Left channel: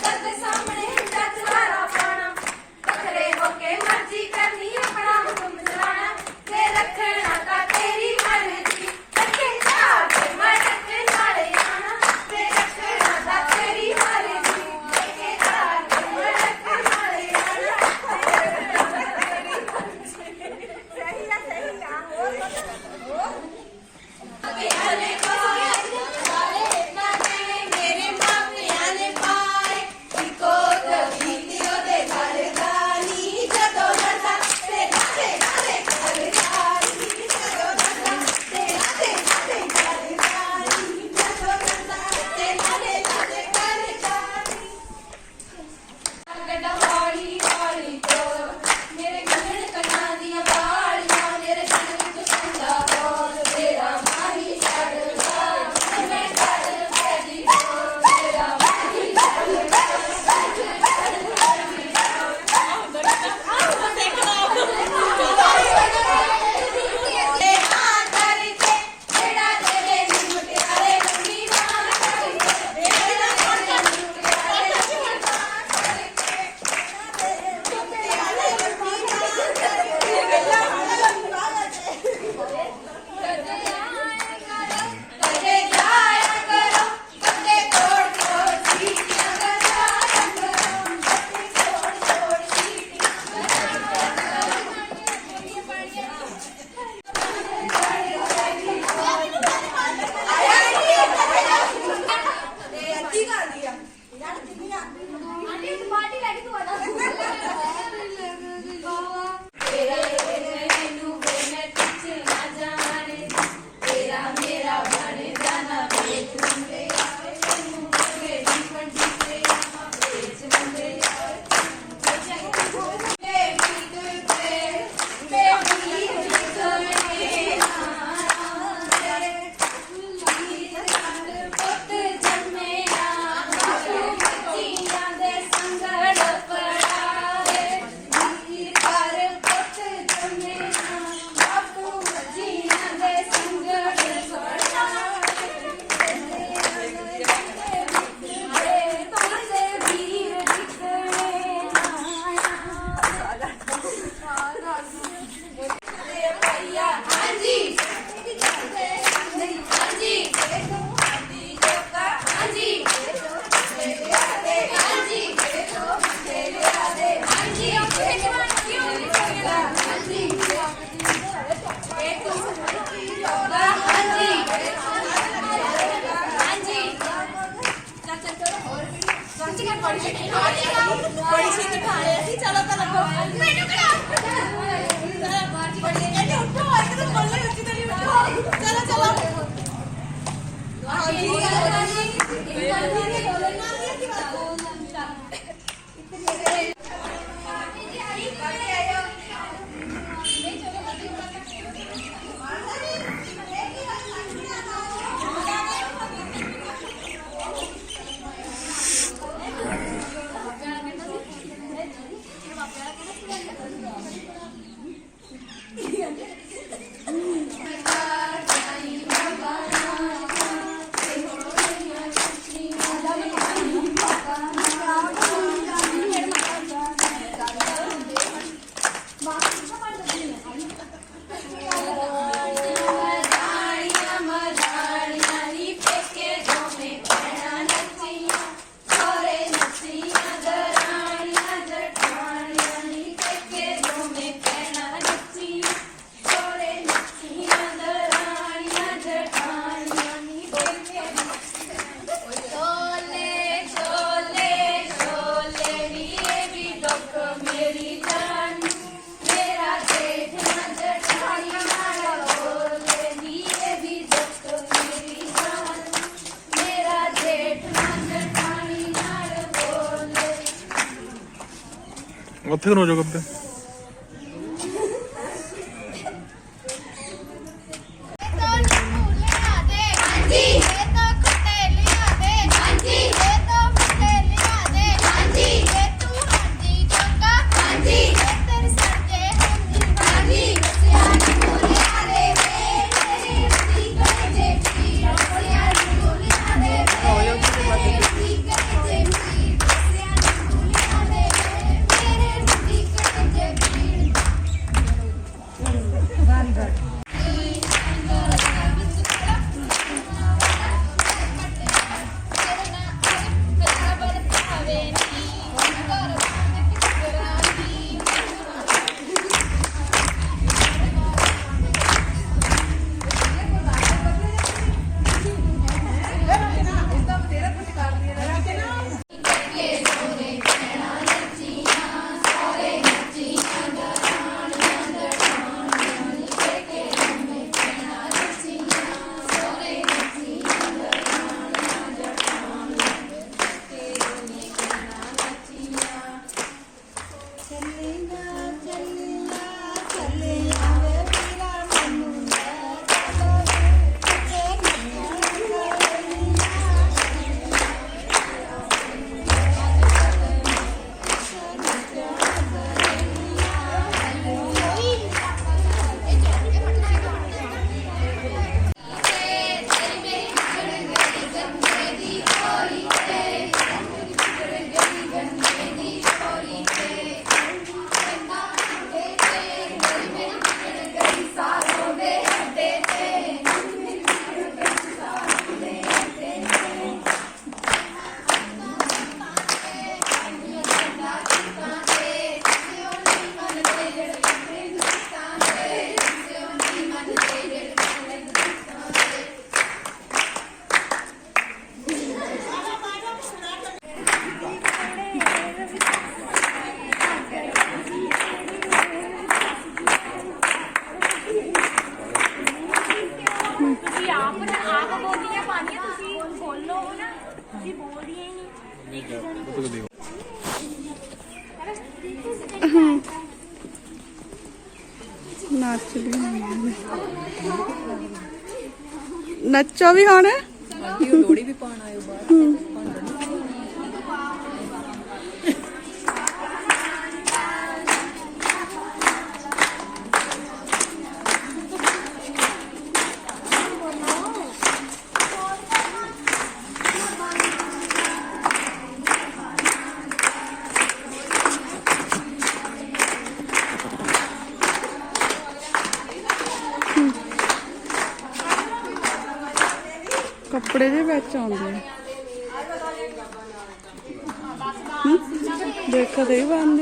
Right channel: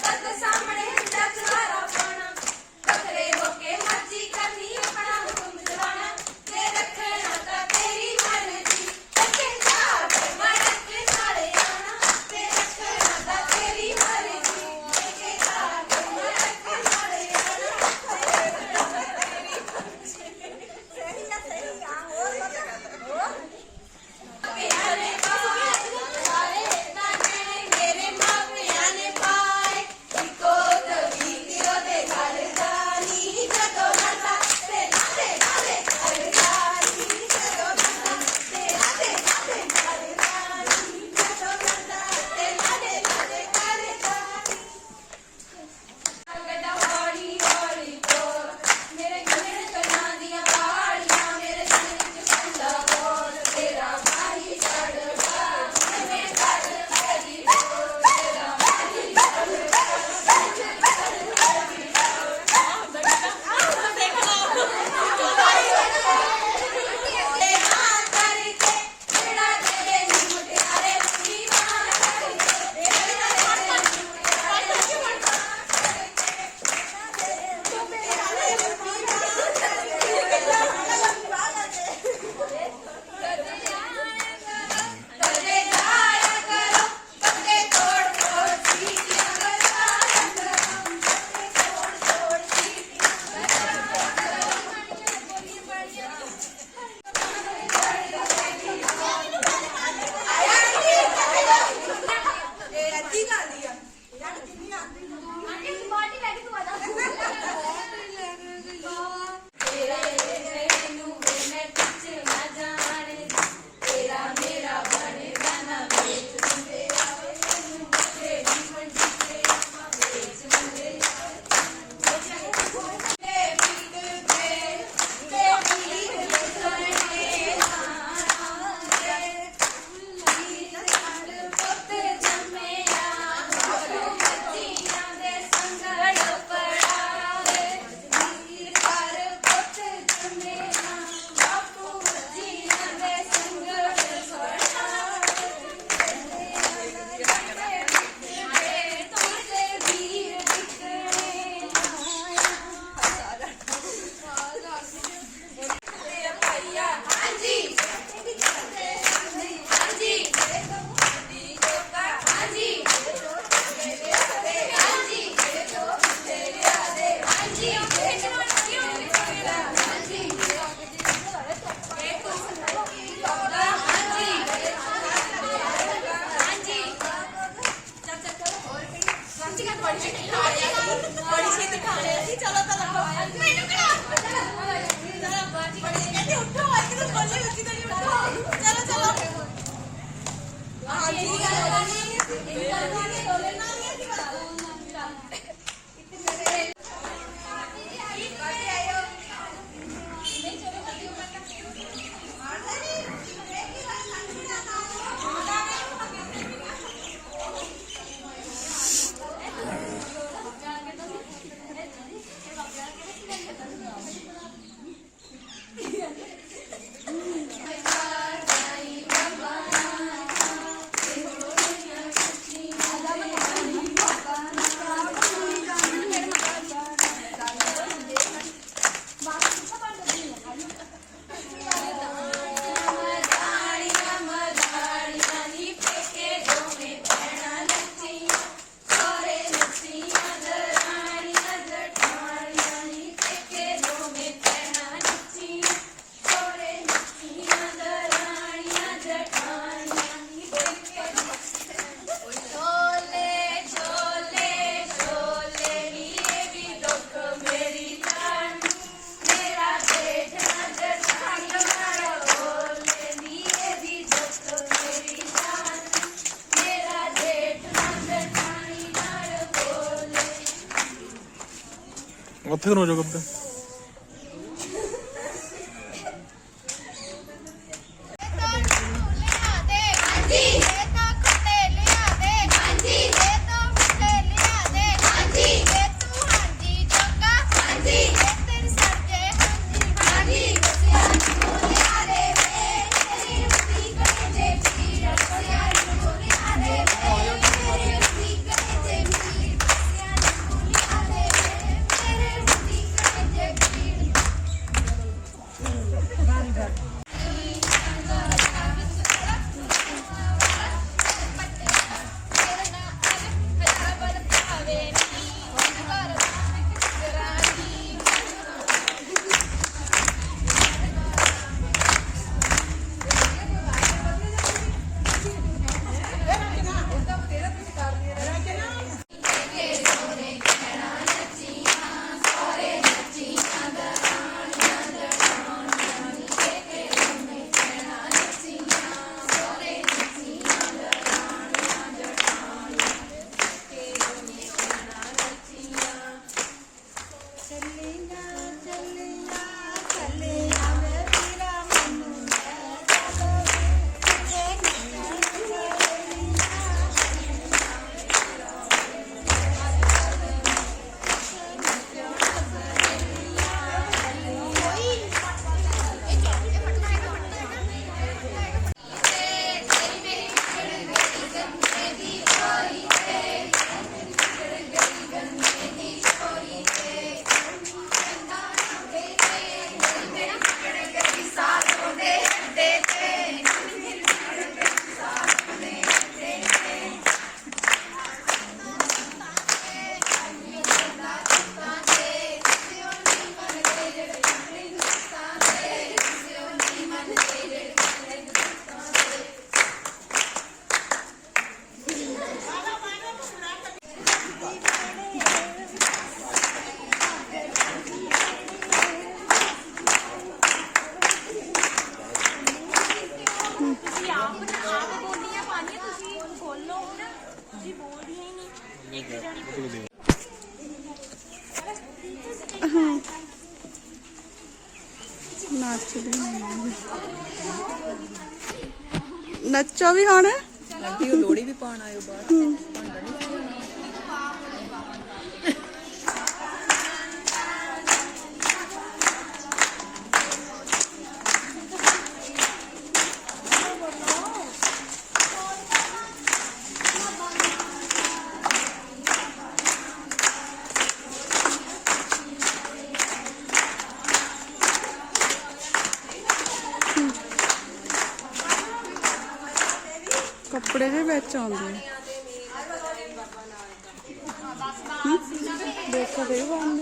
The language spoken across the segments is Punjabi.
Let's ਉੱਥੇ ਖਲੋ ਜਾਓ ਗੱਬੇ ਨੱਚਦੀ ਨੱਚੋ ਵੀ ਹੁਣ ਲੋੜੀ ਵੀ ਪਾਉਣ ਆਇਓ ਬਾਹਰ ਕੱਪੜੇ ਦੇ ਵਿੱਚ ਆਉਂਦੇ ਆ। ਦੇਖੋ ਦੇ ਬੰਦ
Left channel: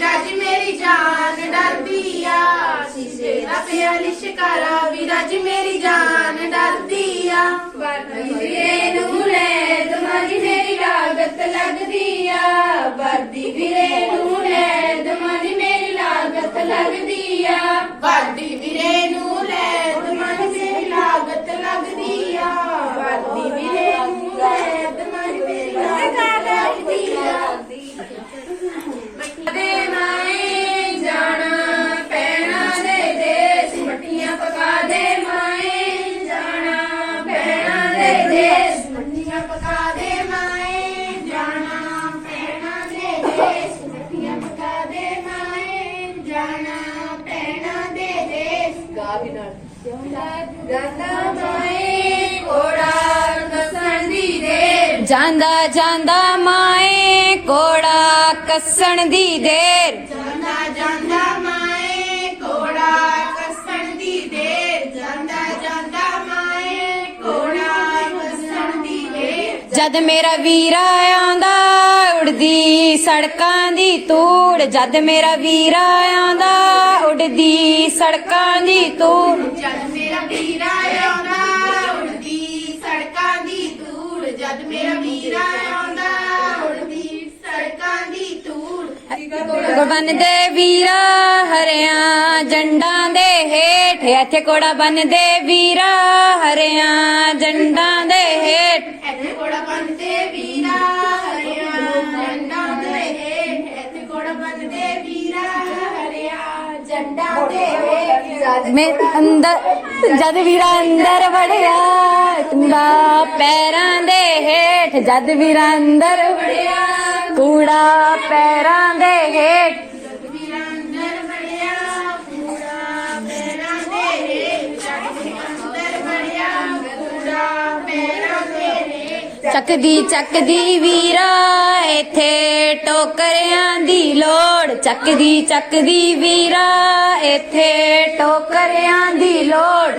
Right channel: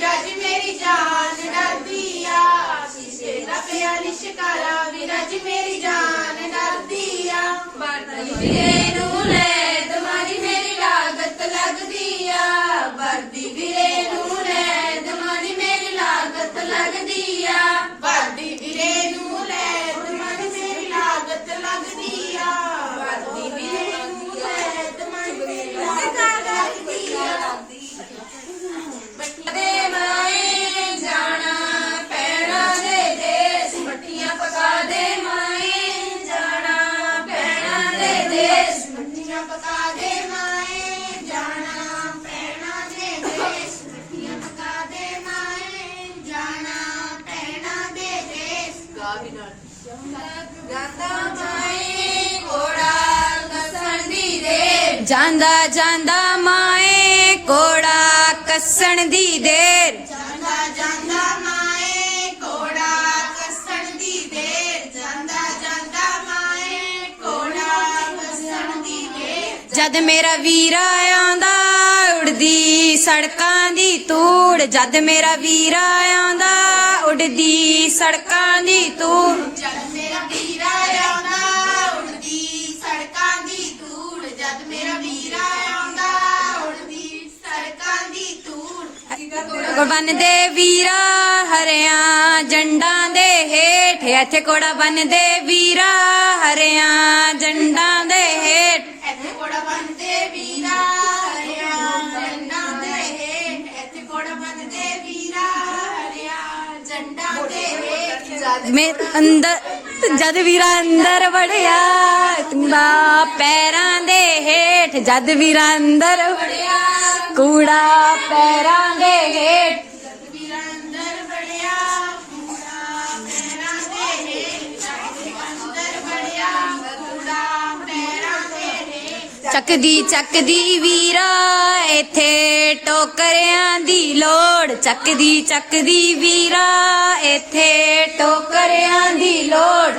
ਵਿਰਾਜ ਮੇਰੀ ਜਾਨ, ਡਰਦੀ ਆ। ਸ਼ੀਸ਼ੇ ਦਾ ਪਿਆ ਲਿਸ਼ਕਾਰਾ ਵਿਰਾਜ ਮੇਰੀ ਜਾਨ, ਡਰਦੀ ਆ। ਵਰਦੀ ਵੀਰੇ ਨੂੰ ਲੈ ਦਮਾਨੀ ਮੇਰੀ ਲਾਗਤ ਲੱਗਦੀ ਆ। ਵਰਦੀ ਵੀਰੇ ਨੂੰ ਲੈ ਦਮਾਨੀ ਮੇਰੀ ਲਾਗਤ ਲੱਗਦੀ ਆ। ਵਰਦੀ ਵੀਰੇ ਨੂੰ ਜਾਂਦਾ ਜਾਂਦਾ ਮਾਏ ਕੋੜਾ ਕੱਸਣ ਦੀ ਦੇਰ। ਜਾਂਦਾ ਜਾਂਦਾ ਮਾਏ ਕੋੜਾ ਕੱਸਣ ਦੀ ਦੇਰ। ਜਾਂਦਾ ਜਾਂਦਾ ਮਾਏ ਕੋੜਾ ਕੱਸਣ ਦੀ ਦੇਰ। ਜਦ ਮੇਰਾ ਵੀਰਾ ਆਉਂਦਾ ਉੜਦੀ ਸੜਕਾਂ ਦੀ ਧੂੜ। ਜਦ ਮੇਰਾ ਵੀਰਾ ਆਉਂਦਾ ਉੜਦੀ ਸੜਕਾਂ ਦੀ ਧੂੜ। ਕੋੜਾ ਦੇ ਵੀਰਾ ਹਰਿਆਂ ਜੰਡਾਂ ਦੇ ਹੇਠ। ਇੱਥੇ ਕੋੜਾ ਬੰਨਦੇ ਵੀਰਾ ਹਰਿਆਂ ਜੰਡਾਂ ਦੇ ਹੇਠ। ਇੱਥੇ ਕੋੜਾ ਬੰਦੇ ਵੀਰਾ ਹਰਿਆ ਝੰਡਾ ਦੇ ਹੇਠ। ਇੱਥੇ ਕੋੜਾ ਬੰਦੇ ਵੀਰਾ ਹਰਿਆ ਝੰਡਾ ਦੇ ਹੇਠ। ਮੈਂ ਅੰਦਰ ਜਦ ਵੀਰਾ ਅੰਦਰ ਵੜਿਆ ਕੁੜਾ ਪੈਰਾਂ ਦੇ ਹੇਠ। ਜਦ ਵੀਰਾ ਅੰਦਰ ਵੜਿਆ ਕੂੜਾ ਪੈਰਾਂ ਦੇ ਹੇਠ। ਚੱਕਦੀ ਚੱਕਦੀ ਵੀਰਾ, ਇੱਥੇ ਟੋਕਰਿਆਂ ਦੀ ਲੋੜ। ਚੱਕਦੀ ਚੱਕਦੀ ਵੀਰਾ, ਇੱਥੇ ਟੋਕਰਿਆਂ ਦੀ ਲੋੜ।